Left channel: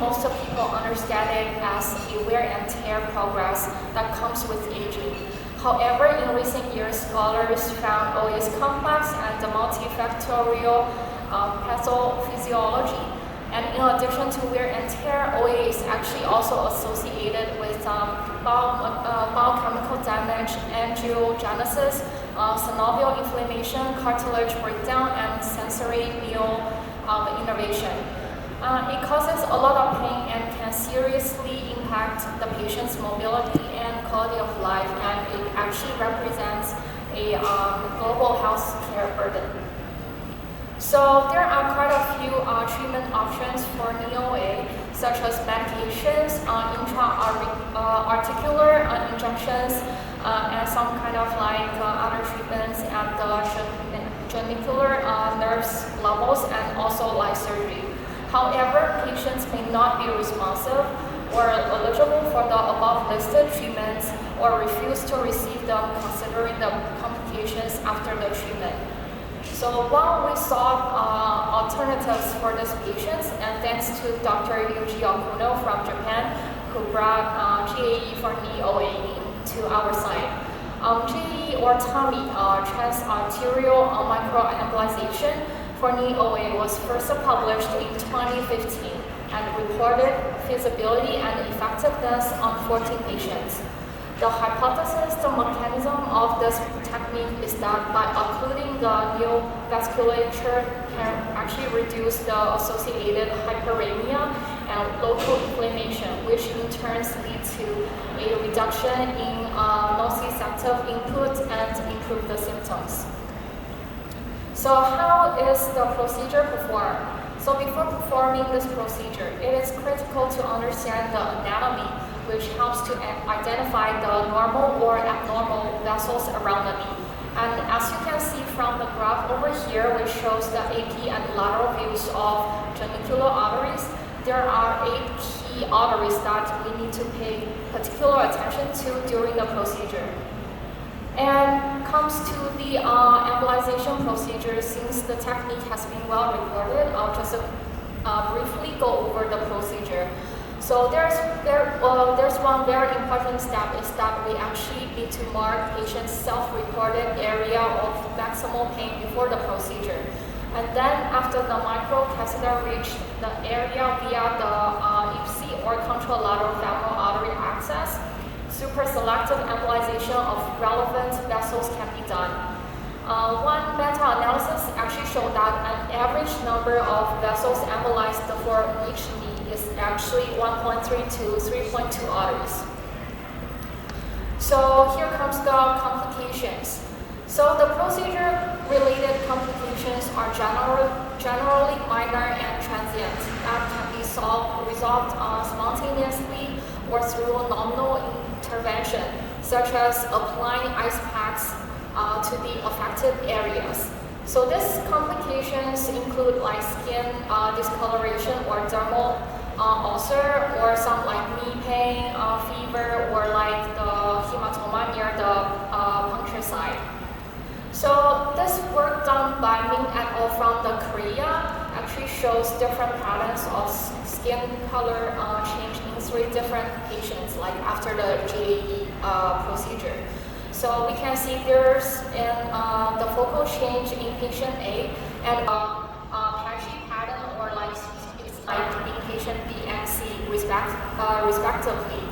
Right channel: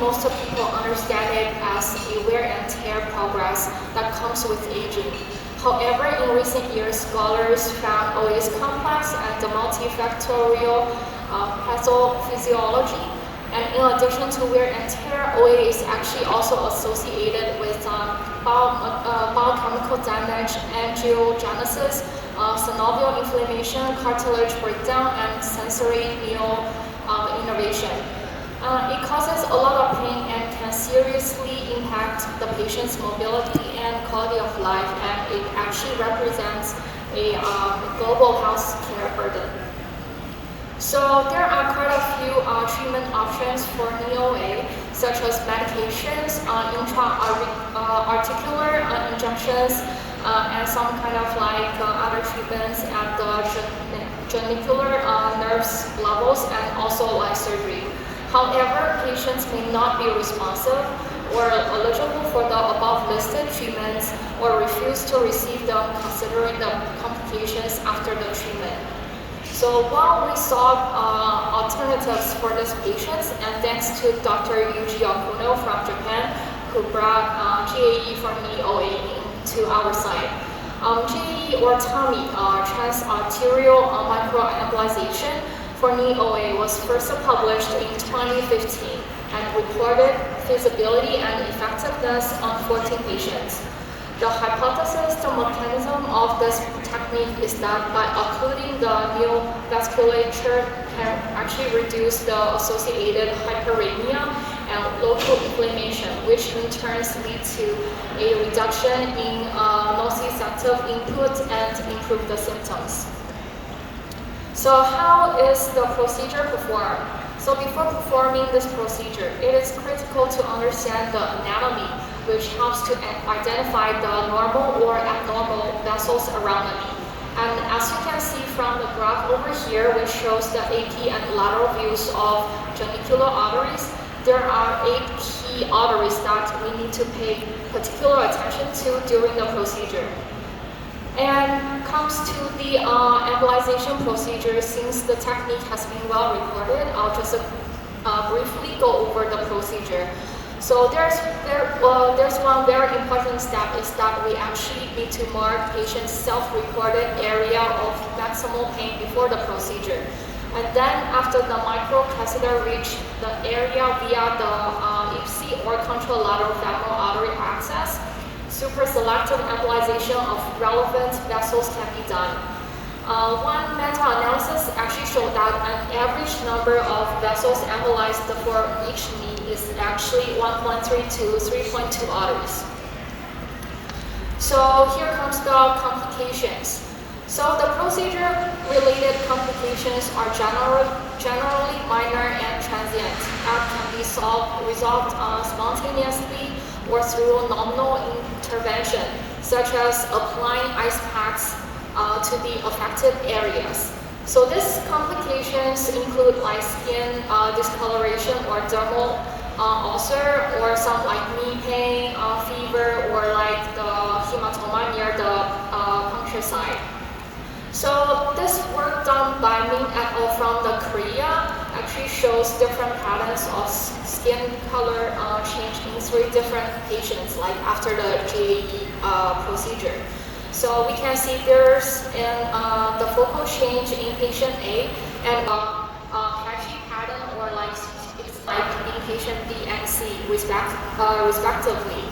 most of people understand it as a wear and tear progress that comes with aging. However, in recent years, scholars found OA's complex and multifactorial pathophysiology. And in addition to wear and tear, OA is actually also associated with biochemical damage, angiogenesis, synovial inflammation, cartilage breakdown, and sensory innervation. It causes a lot of pain and can seriously impact the patient's mobility and quality of life, and it actually represents a global health care burden. So there are quite a few treatment options for knee OA, such as medications, intra-articular injections, and some kind of like other treatments at the genicular nerves levels, and also like surgery. However, patients may not be responsive or eligible for the above listed treatments or refuse to receive them considering the complications after the treatment. So while we sought alternatives for these patients, and thanks to Dr. Yuji Okuno from Japan, who brought GAE for knee OA to our side. GAE or TAMI, transarterial microembolization for knee OA, was first published in 2015 and reported feasibility and effectiveness on 14 patients. The hypothesis, the mechanism of this technique is that by occluding the new vasculature can actually reduce the associated hyperemia and local inflammation, which in turn lead to a reduction in nociceptive input and improve the symptoms. So how is the procedure performed? So before performing this procedure, it is critical to understand the anatomy, which helps to identify the normal or abnormal vessels around the knee. And as you can see from the graph over here, which shows the AP and lateral views of genicular arteries, there are 8 key arteries that we need to pay particular attention to during the procedure. And comes to the embolization procedure, since the technique has been well reported, I'll just briefly go over the procedure. So there's one very important step, is that we actually need to mark patient's self-reported area of maximal pain before the procedure. And then after the microcatheter reach the area via the ipsi or contralateral femoral artery access, super-selective embolization of relevant vessels can be done. One meta-analysis actually showed that an average number of vessels embolized for each knee is actually 1.3 to 3.2 arteries. So here comes the complications. So the procedure-related complications are generally minor and transient and can be resolved spontaneously or through nominal intervention, such as applying ice packs to the affected areas. So these complications include like skin discoloration or dermal ulcer, or some like knee pain, fever, or like the hematoma near the puncture site. So this work done by Min et al. From the Korea actually shows different patterns of skin color change in 3 different patients, like after the GAE procedure. So we can see there's the focal change in patient A, and patchy pattern, or like it's like in patient B and C respectively.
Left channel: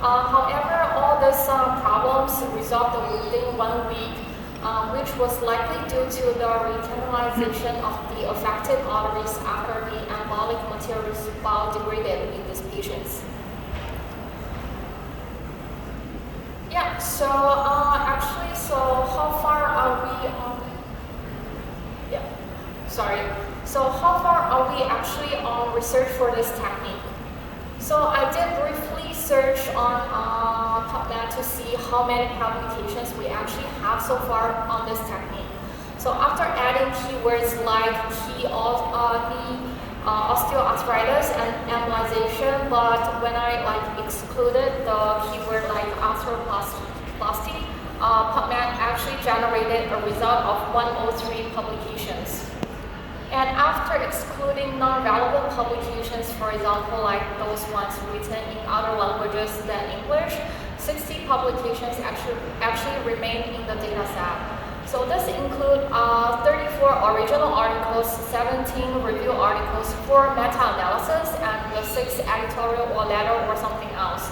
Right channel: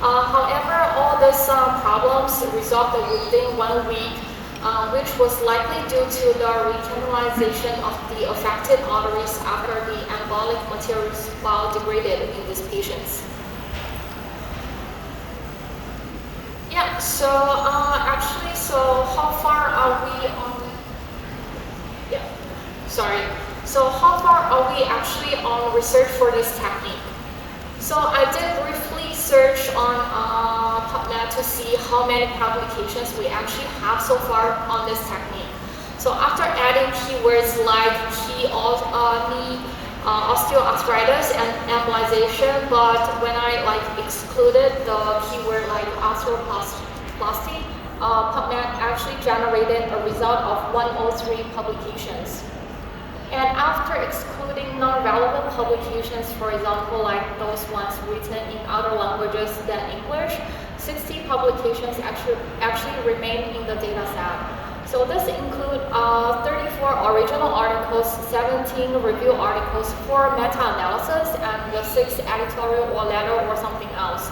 However, all these problems resolved within 1 week, which was likely due to the recanalization of the affected arteries after the embolic materials biodegraded in these patients. Yeah, so actually, so how far are we on? Yeah, sorry. So how far are we actually on research for this technique? So I did briefly search on PubMed to see how many publications we actually have so far on this technique. So after adding keywords like knee osteoarthritis and embolization, but when I like excluded the keyword like arthroplasty, PubMed actually generated a result of 103 publications. And after excluding non-relevant publications, for example, like those ones written in other languages than English, 60 publications actually remain in the data set. So this includes 34 original articles, 17 review articles, 4 meta-analysis, and the 6 editorial or letter or something else.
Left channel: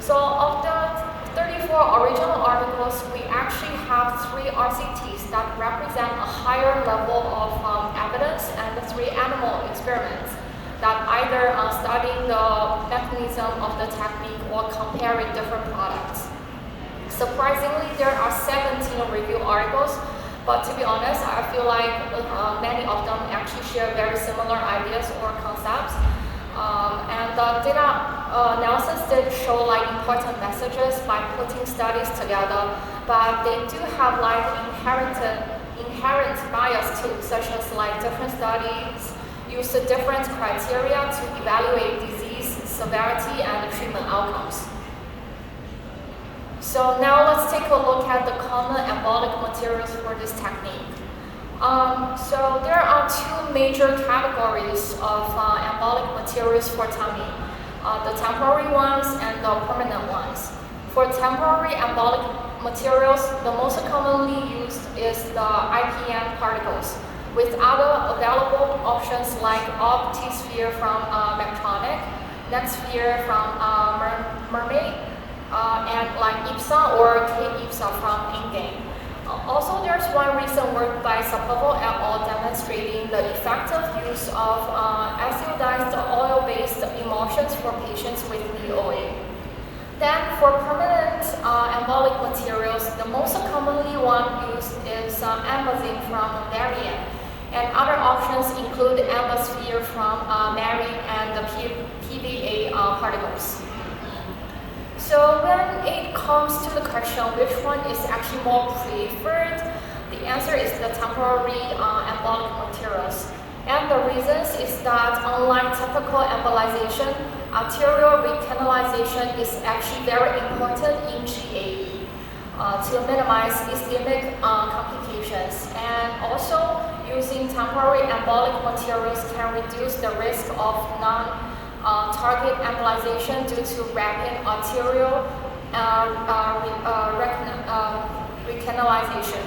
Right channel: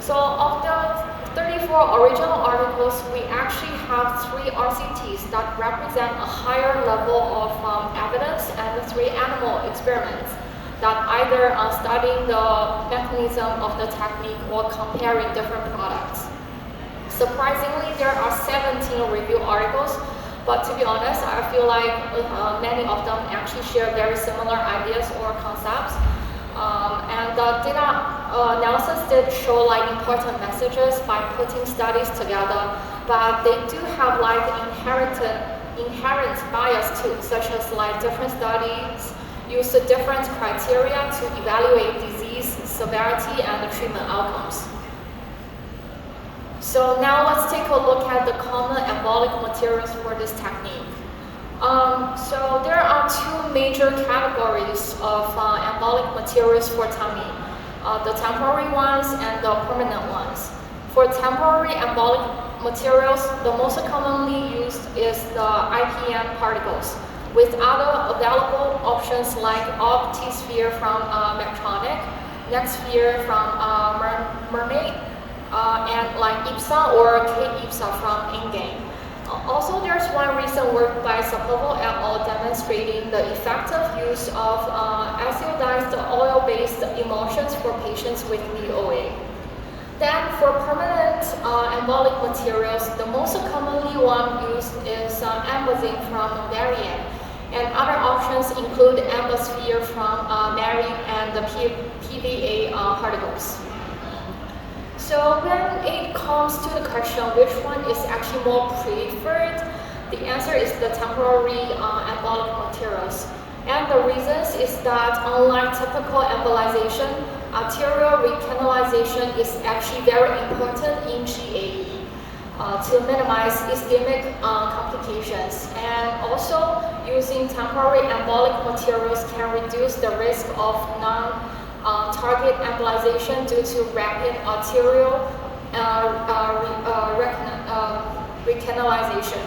So of the 34 original articles, we actually have 3 RCTs that represent a higher level of evidence and 3 animal experiments that either are studying the mechanism of the technique or comparing different products. Surprisingly, there are 17 review articles, but to be honest, I feel like many of them actually share very similar ideas or concepts. And the data analysis did show like important messages by putting studies together, but they do have like inherent bias too, such as like different studies use different criteria to evaluate disease severity and treatment outcomes. So now let's take a look at the common embolic materials for this technique. So there are 2 major categories of embolic materials for TEMI, the temporary ones and the permanent ones. For temporary embolic materials, the most commonly used is the IPM particles, with other available options like OptiSphere from Medtronic, NextSphere from Mermaid, and like IPSA or K-IPSA from InGain. Also, there's one recent work by Sapova et al. Demonstrating the effective use of acetylized oil-based emulsions for patients with VOA. Then, for permanent embolic materials, the most commonly one used is Embazine from Varian, and other options include Embasphere from Mary and the PVA particles. So when it comes to the question which one is actually more preferred, the answer is the temporary embolic materials. And the reasons is that unlike typical embolization, arterial recanalization is actually very important in GAE to minimize ischemic complications. And also, using temporary embolic materials can reduce the risk of target embolization due to rapid arterial recanalization.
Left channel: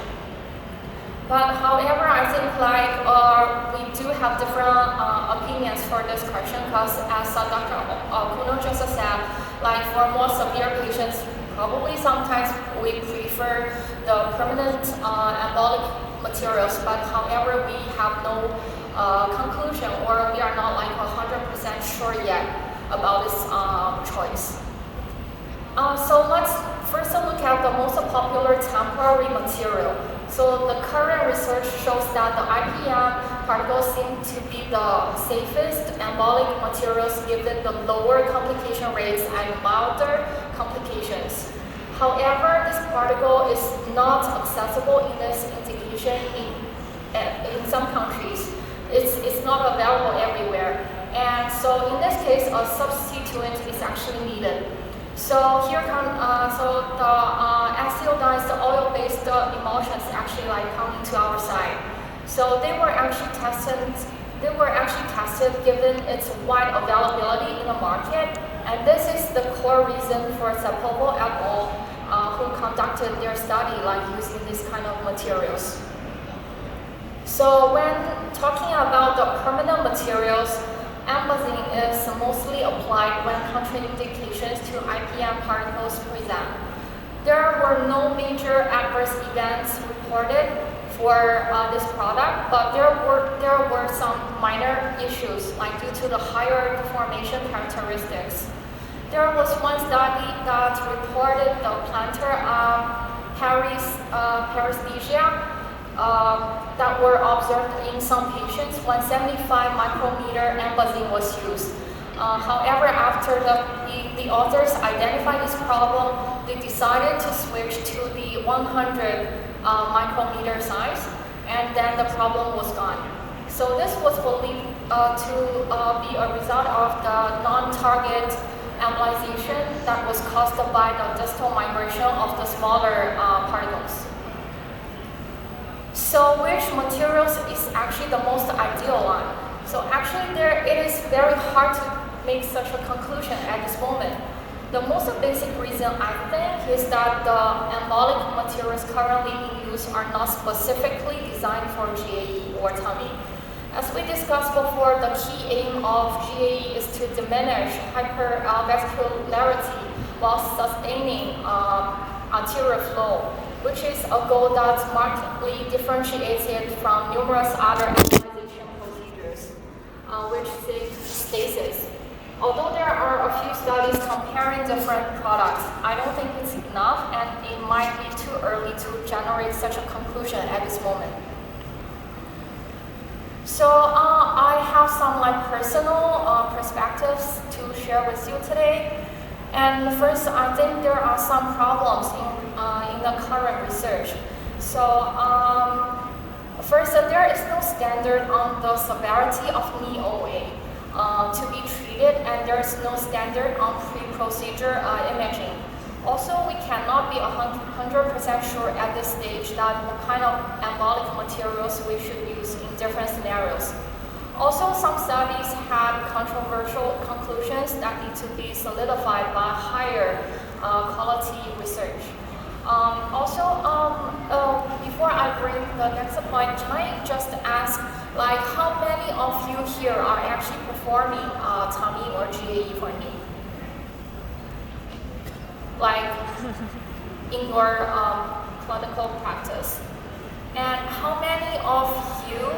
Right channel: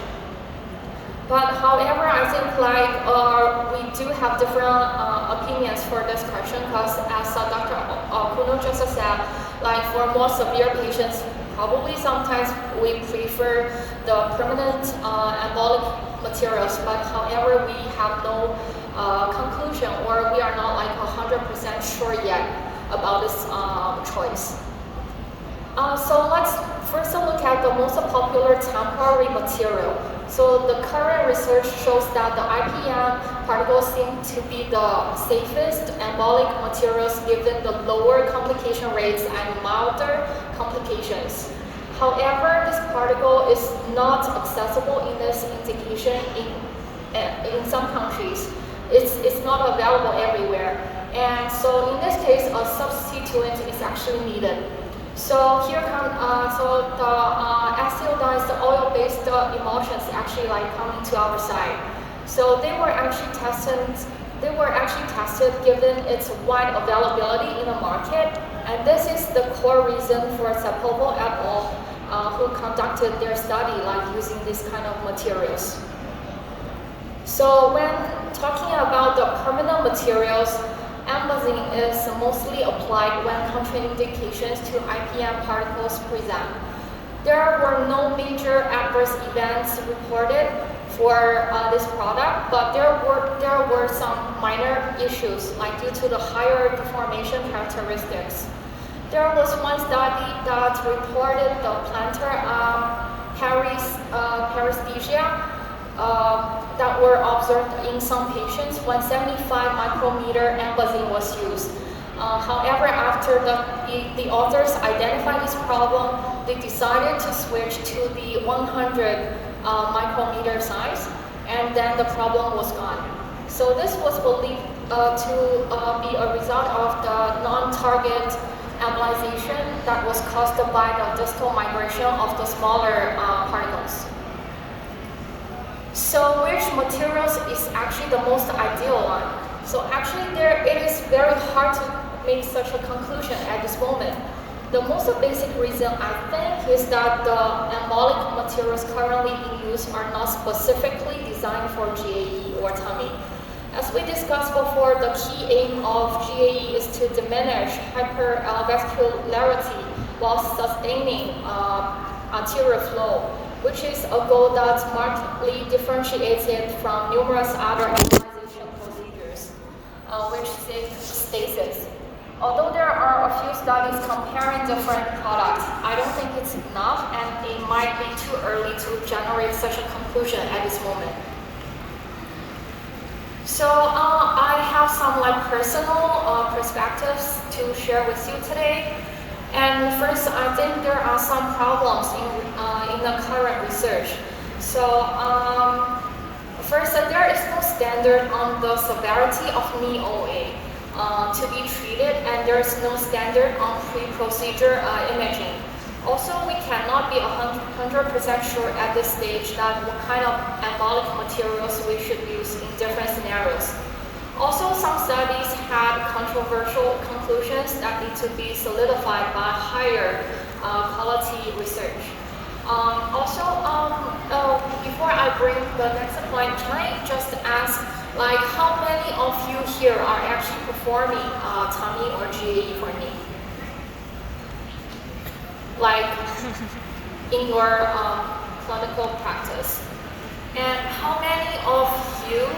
But however, I think like we do have different opinions for this question because as Dr. Kuno just said, like for more severe patients, probably sometimes we prefer the permanent embolic materials, but however, we have no conclusion or we are not like 100% sure yet about this choice. So let's first look at the most popular temporary material. So the current research shows that the IPM particles seem to be the safest embolic materials given the lower complication rates and milder complications. However, this particle is not accessible in this indication in some countries. It's not available everywhere. And so in this case, a substituent is actually needed. So here so the acetylized oil-based emulsions actually like come into our side. So they were actually tested given its wide availability in the market, and this is the core reason for Sapova et al. Who conducted their study like using these kind of materials. So when talking about the permanent materials, Embazine is mostly applied when contraindications to IPM particles present. There were no major adverse events reported for this product, but there were some minor issues, like due to the higher deformation characteristics. There was one study that reported the plantar paresthesia that were observed in some patients when 75 micrometer Embazine was used. However, after the authors identified this problem, they decided to switch to the 100 micrometer size, and then the problem was gone. So this was believed to be a result of the non-target embolization that was caused by the distal migration of the smaller particles. So which materials is actually the most ideal one? So actually it is very hard to make such a conclusion at this moment. The most basic reason I think is that the embolic materials currently in use are not specifically designed for GAE or tummy. As we discussed before, the key aim of GAE is to diminish hypervascularity while sustaining arterial flow, which is a goal that's markedly differentiated from numerous other embolization procedures, which seek stasis. Although there are a few studies comparing different products, I don't think it's enough, and it might be too early to generate such a conclusion at this moment. So I have some personal perspectives to share with you today. And first, I think there are some problems in the current research. So first, there is no standard on the severity of knee OA to be treated, and there is no standard on pre-procedure imaging. Also, we cannot be 100% sure at this stage that what kind of embolic materials we should use in different scenarios. Also, some studies had controversial conclusions that need to be solidified by higher quality research. Before I bring the next point, can I just ask, how many of you here are actually performing tummy or GAE for knee? In your clinical practice? And how many of you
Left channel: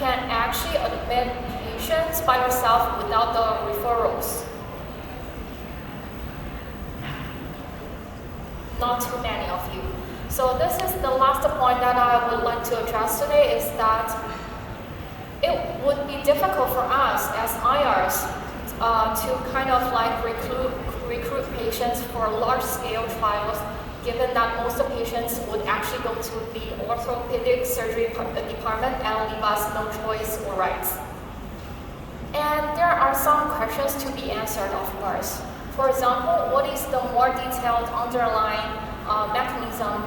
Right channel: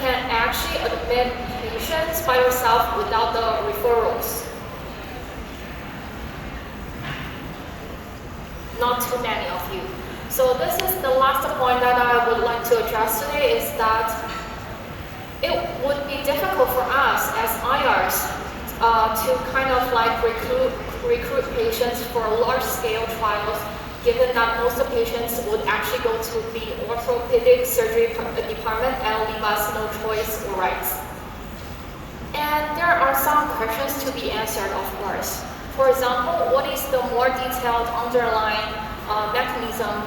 can actually admit patients by yourself without the referrals? Not too many of you. So this is the last point that I would like to address today, is that it would be difficult for us as IRs to recruit patients for large-scale trials, given that most of the patients would actually go to the orthopedic surgery department and leave us no choice or rights. And there are some questions to be answered, of course. For example, what is the more detailed underlying mechanism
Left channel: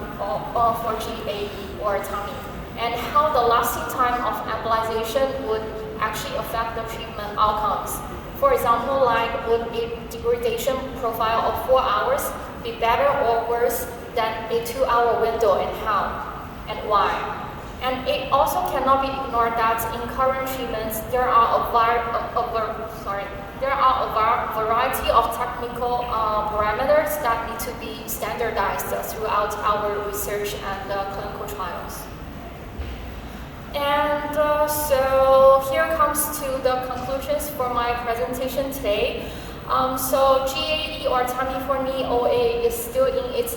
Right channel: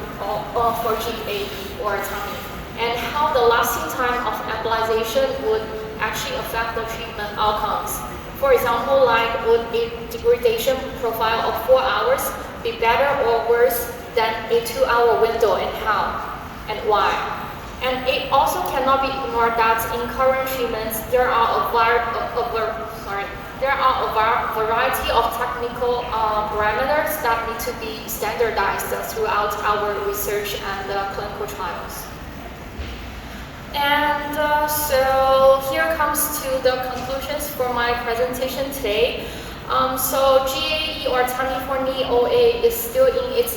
for GAE or tummy, and how the lasting time of embolization would actually affect the treatment outcomes? For example, would a degradation profile of 4 hours be better or worse than a 2-hour window, and how and why? And it also cannot be ignored that in current treatments there are a variety of technical parameters that need to be standardized throughout our research and clinical trials. And so here comes to the conclusions for my presentation today. So GAE or tummy for knee OA is still in its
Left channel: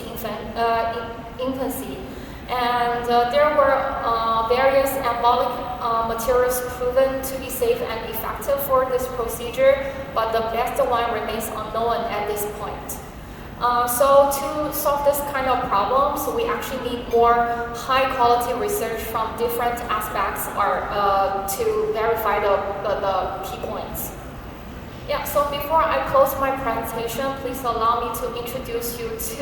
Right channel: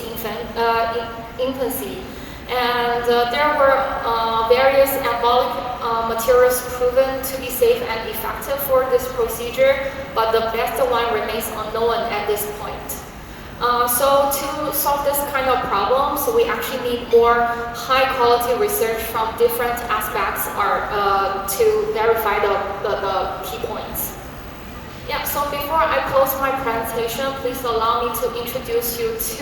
infancy, and there were various embolic materials proven to be safe and effective for this procedure, but the best one remains unknown at this point. So to solve this kind of problems, we actually need more high-quality research from different aspects to verify the key points. Yeah, so before I close my presentation, please allow me to introduce you to